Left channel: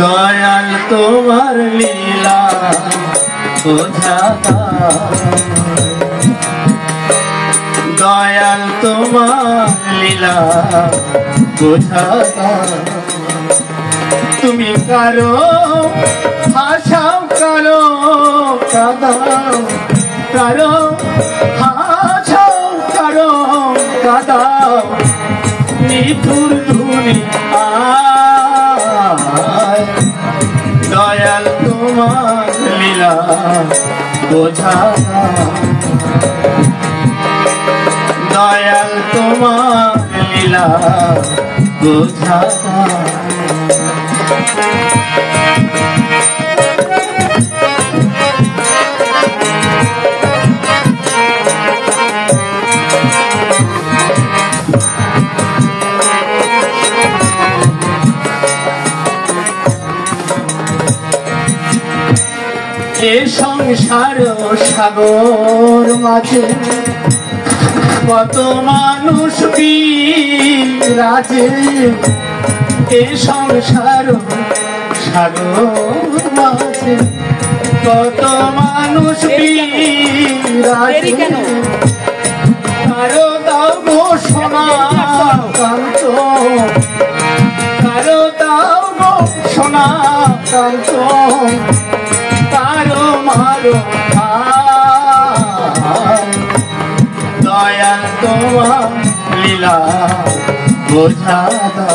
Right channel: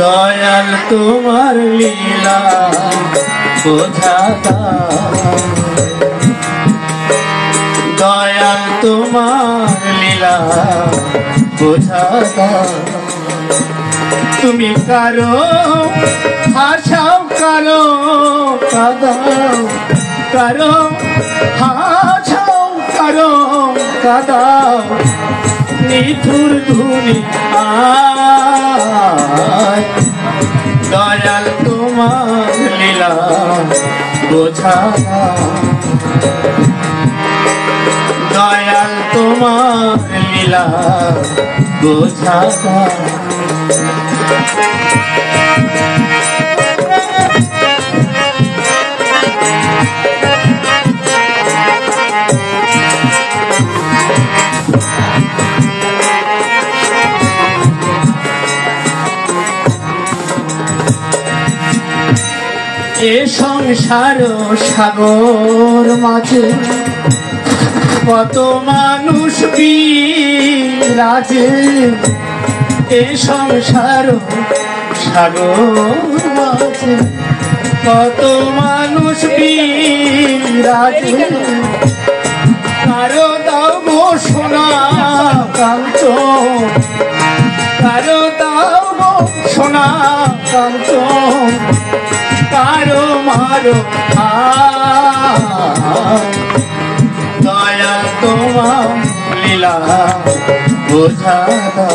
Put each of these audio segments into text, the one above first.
দয়াল তোমার লীলা বোঝাতা, দয়াল তোমার লীলা বোঝাতা। তুমি কারো হাসাও, কারো কাঁদাও, কারো হাসাও, কারো কাঁদাও, নিঠুর দুনিয়ায় দয়াল তোমার লীলা বোঝাতা, দয়াল তোমার লীলা বোঝাতা। এ সংসার সাগর মাঝে কত মানুষ বিরাজে, এ সংসার সাগর মাঝে কত মানুষ বিরাজে। কারো দাও গো সোনা কাঞ্চন, কারো দাও গো সোনা কাঞ্চন, কারো মারো দয়াল তোমার লীলা বোঝাতা,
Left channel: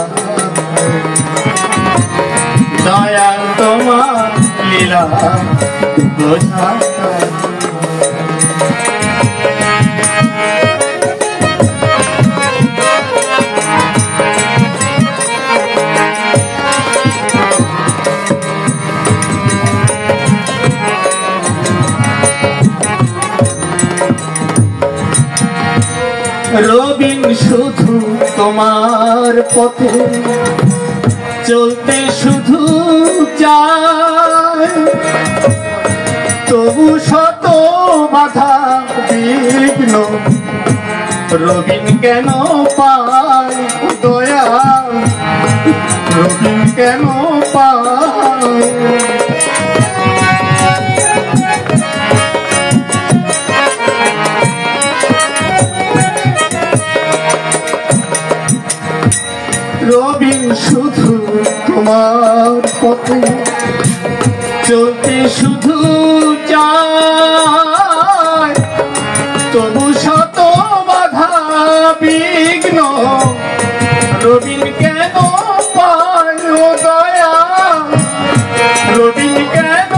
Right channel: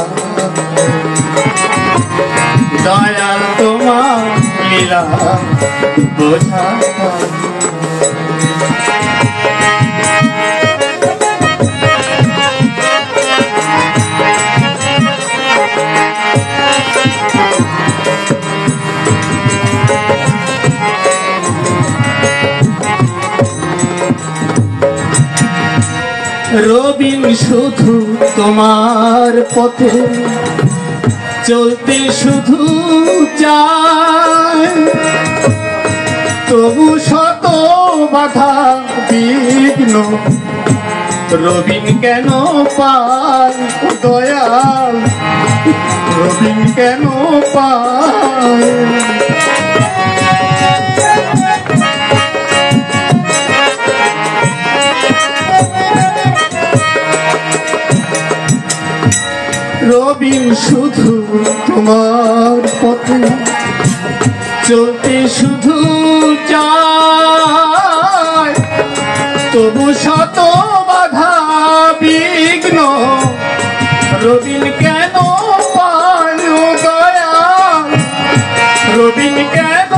দয়াল তোমার লীলা বোঝাতা। রবিন শুধু তোমার পথে চলতে শুধু চায়, তবু শত বাধা বিঘ্ন রবিন কেন পায় দয়াল, রবিন কেন পায়। রবিন শুধু তোমার পথে চলতে শুধু চায়, তবু শত বাধা বিঘ্ন রবিন কেন পায় ও দয়াল, রবিন কেন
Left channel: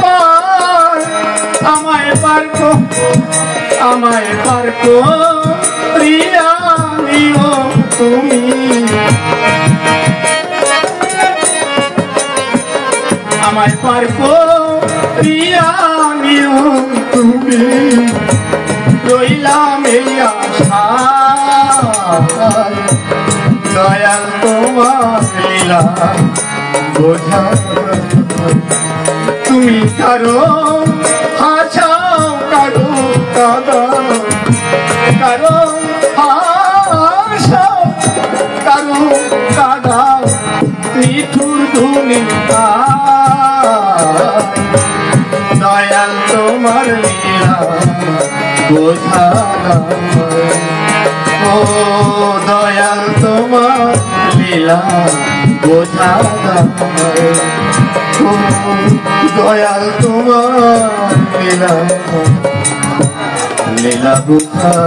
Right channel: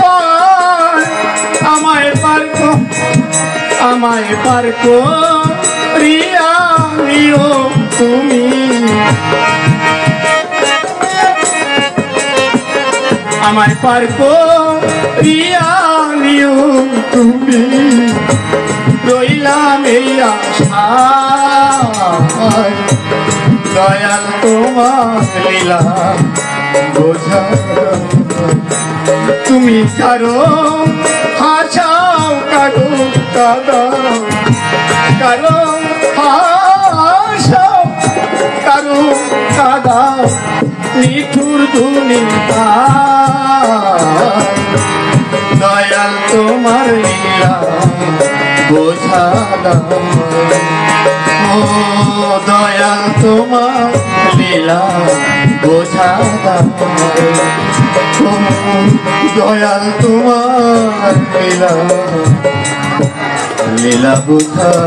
পায়। আমায় পারকো, আমায় পারকো রিয়া নিও তুমি, আমায় পারকো রিয়া নিও তুমি। রইলাম এই আশায় দয়াল তোমার লীলা বোঝাতা। তুমি কারো হাসাও, কারো কাঁদাও, কারো হাসাও, কারো কাঁদাও, নিঠুর দুনিয়া দয়াল তোমার লীলা বোঝাতা। ও দয়াল তোমার লীলা বোঝাতা, ও দয়াল তোমার লীলা লীলা বোঝাতা।